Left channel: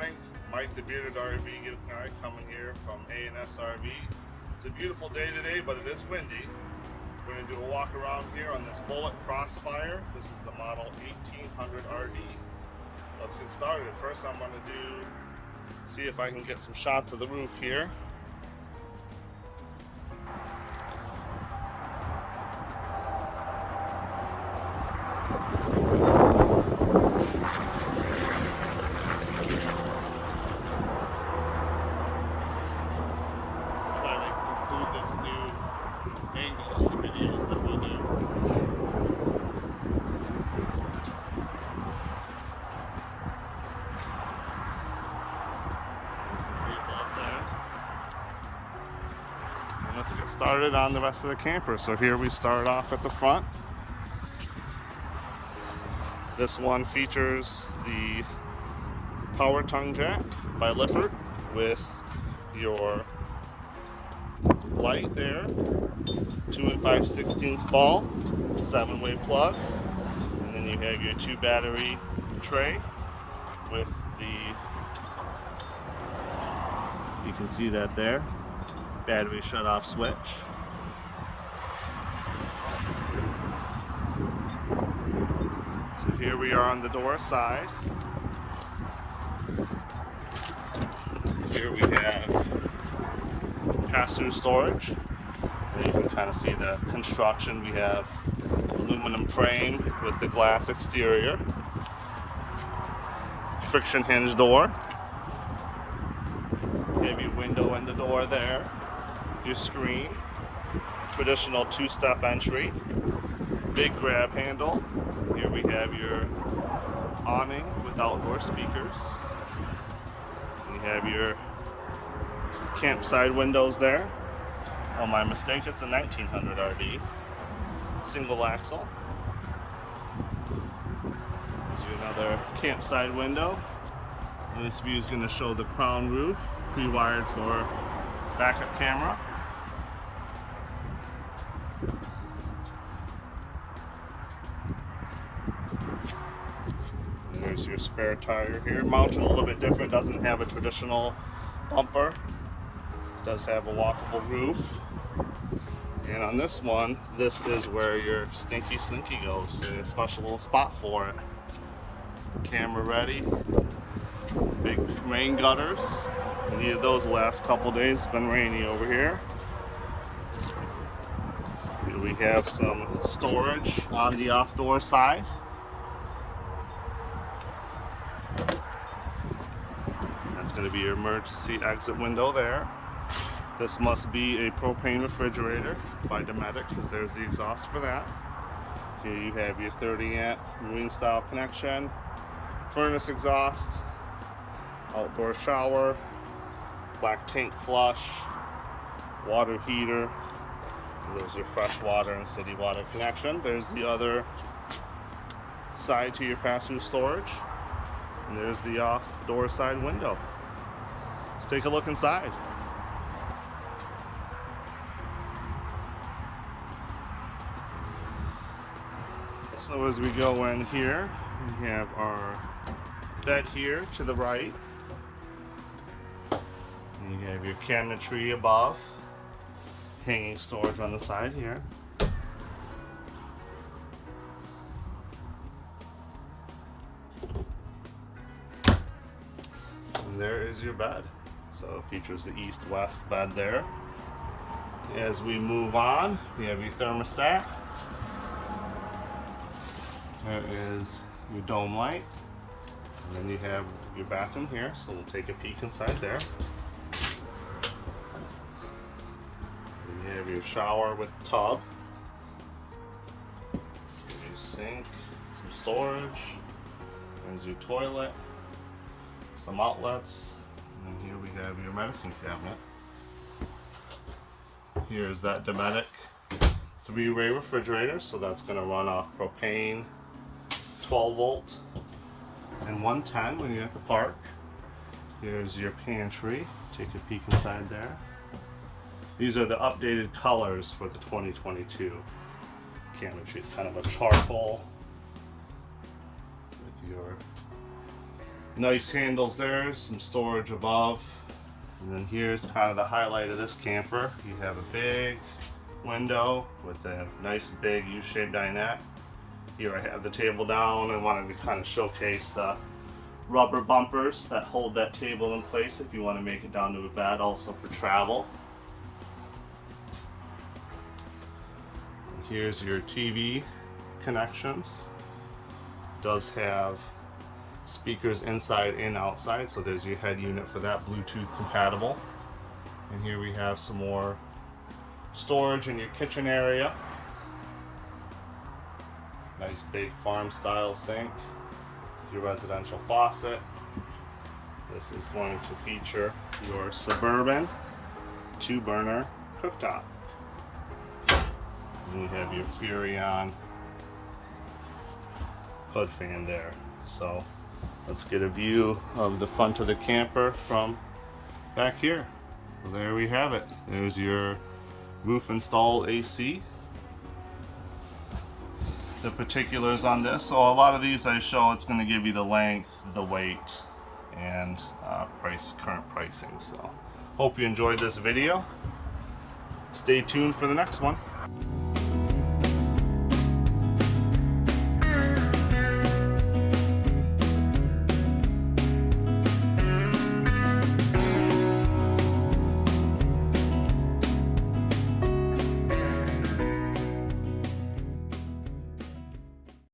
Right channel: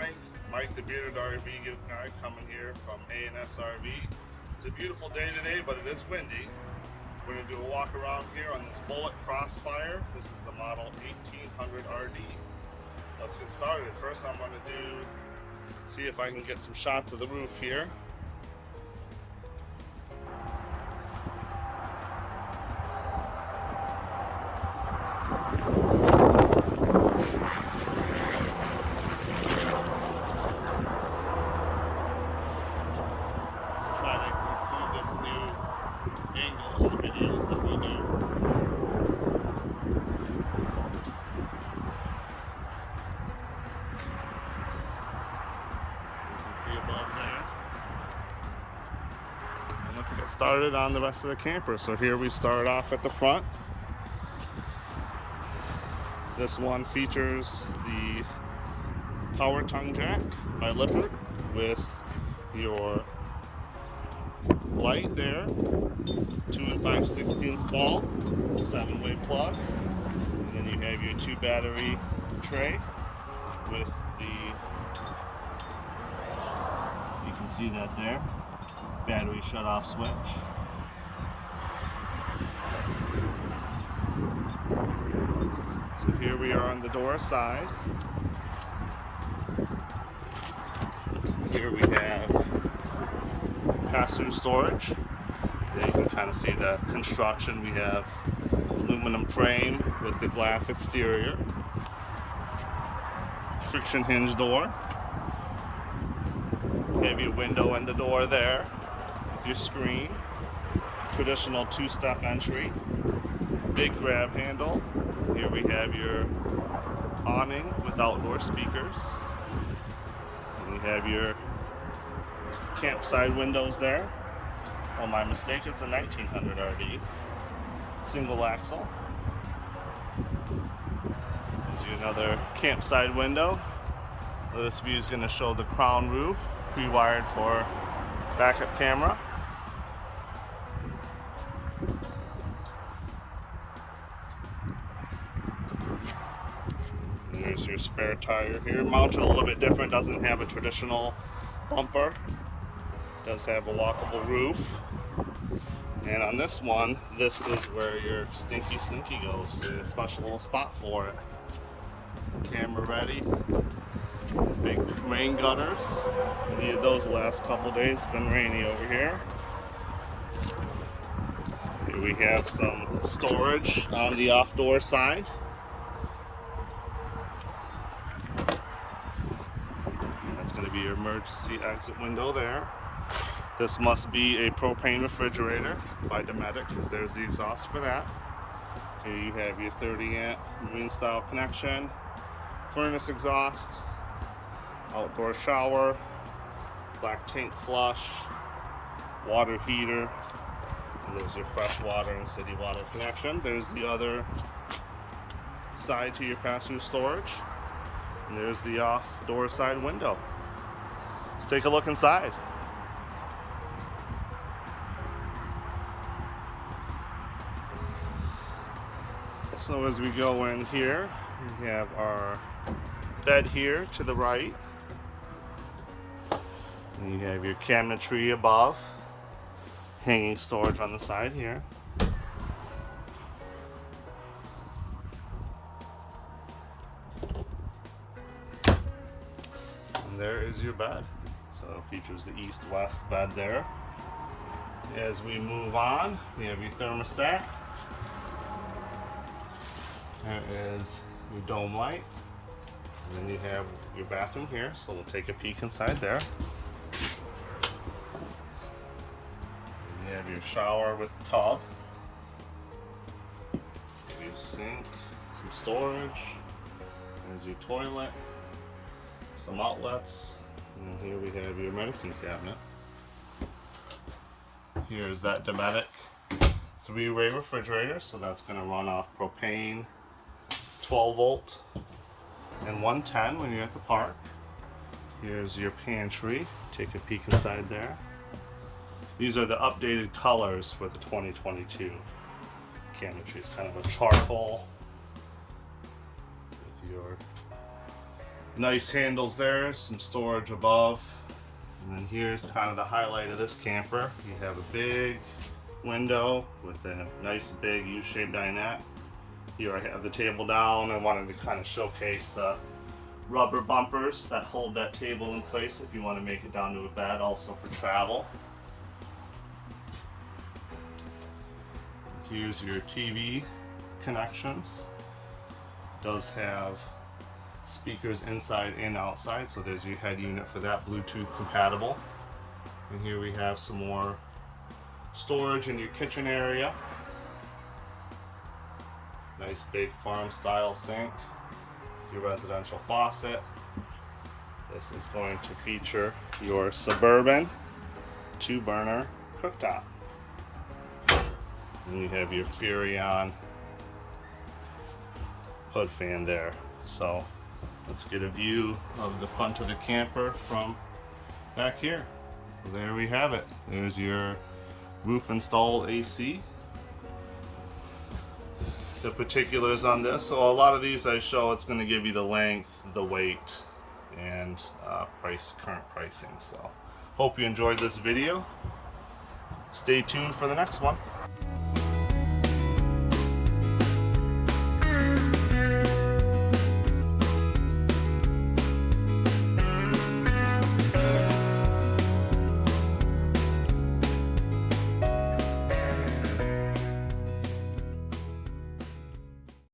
morning. Mike, the bearded RV guy, coming here from A&S RV. It's a beautiful day today, but it is windy. We're going to do a walk around here on this Bullet Crossfire. This is the model 1800RD. Let's get started. First, I'm going to see if I can get some shots of the roof here. Try to include this new angle in the videos that we do. You can see above there. And let's get started on the rest of the camper. So here we start off at the front. This one features the power tongue jack by Lippert with your light there, 2 5/16 ball, 7-way plug, and then you have your 2 battery tray with you can see that there, battery shut off switch. So here we are on the door side. Here we have pass-through storage. There you can kind of see the construction. We have aluminum frame with the glass exterior, friction hinge door. You have your window in the door there with your screen, traditional 2-step entry, big grab handle. Here we have your awning with outdoor speakers, and you have your campsite windows there. Oh, my mistake, it's a 1900RD. Single axle. There's another campsite window. This view is going to show the crown roof, pre-wired for backup camera. And there's your spare tire here, mounted a little bit different, doesn't have a traditional bumper. Does have a walkable roof. And on this one, this is where your Stinky Slinky goes. There's a special little spot for it. Camera ready. Big rain gutters. Needed those the last couple days. It's been rainy over here. Here we have some storage on the off-door side. That's going to be your emergency exit window there. This must be a propane refrigerator by DINETTE, because there's the exhaust for that. Here you have your 30-amp marine style connection, furnace exhaust, outdoor shower, black tank flush, water heater, and there's your fresh water and city water connection. There's the other side to your pass-through storage, and there's the off-door side window. Let's take a look inside. So as we go in here, we have our bed here to the right. And you have your cabinetry above, hanging storage on the side here. And there is your bed. So it features the east-west bed there. As we move on, we have your thermostat. There is your dome light, and then you have your bathroom here, so we'll take a peek inside there. And you have your shower with tub, your sink, some storage, there's your toilet, some outlets, and here we have your medicine cabinet. Here's that DINETTE 3-way refrigerator, so that's going to run off propane, 12 volt and 110 when you're at the park. Here's your pantry. Take a peek inside there. These are the updated colors for the 2022 cabinetry. It's kind of a charcoal with your Nice handles there, some storage above. And then here's kind of the highlight of this camper. You have a big window with a nice big U-shaped dinette. Here I have the table down. I wanted to kind of showcase the rubber bumpers that hold that table in place if you want to make it down to a bed, also for travel. Here's your TV connections. Does have speakers inside and outside, so there's your head unit for that, Bluetooth compatible. And here we have some more storage in your kitchen area. Nice big farm style sink with your residential faucet. This is going to feature your Suburban 2-burner cooktop. And you have your Furrion hood fan there. So let's get a view of the front of the camper from back here. So there we have it. There's your roof installed AC. The particulars on this, so a lot of these I show, it's going to give you the length, the weight, and current pricing. So hope you enjoyed this video. Stay tuned for the next one.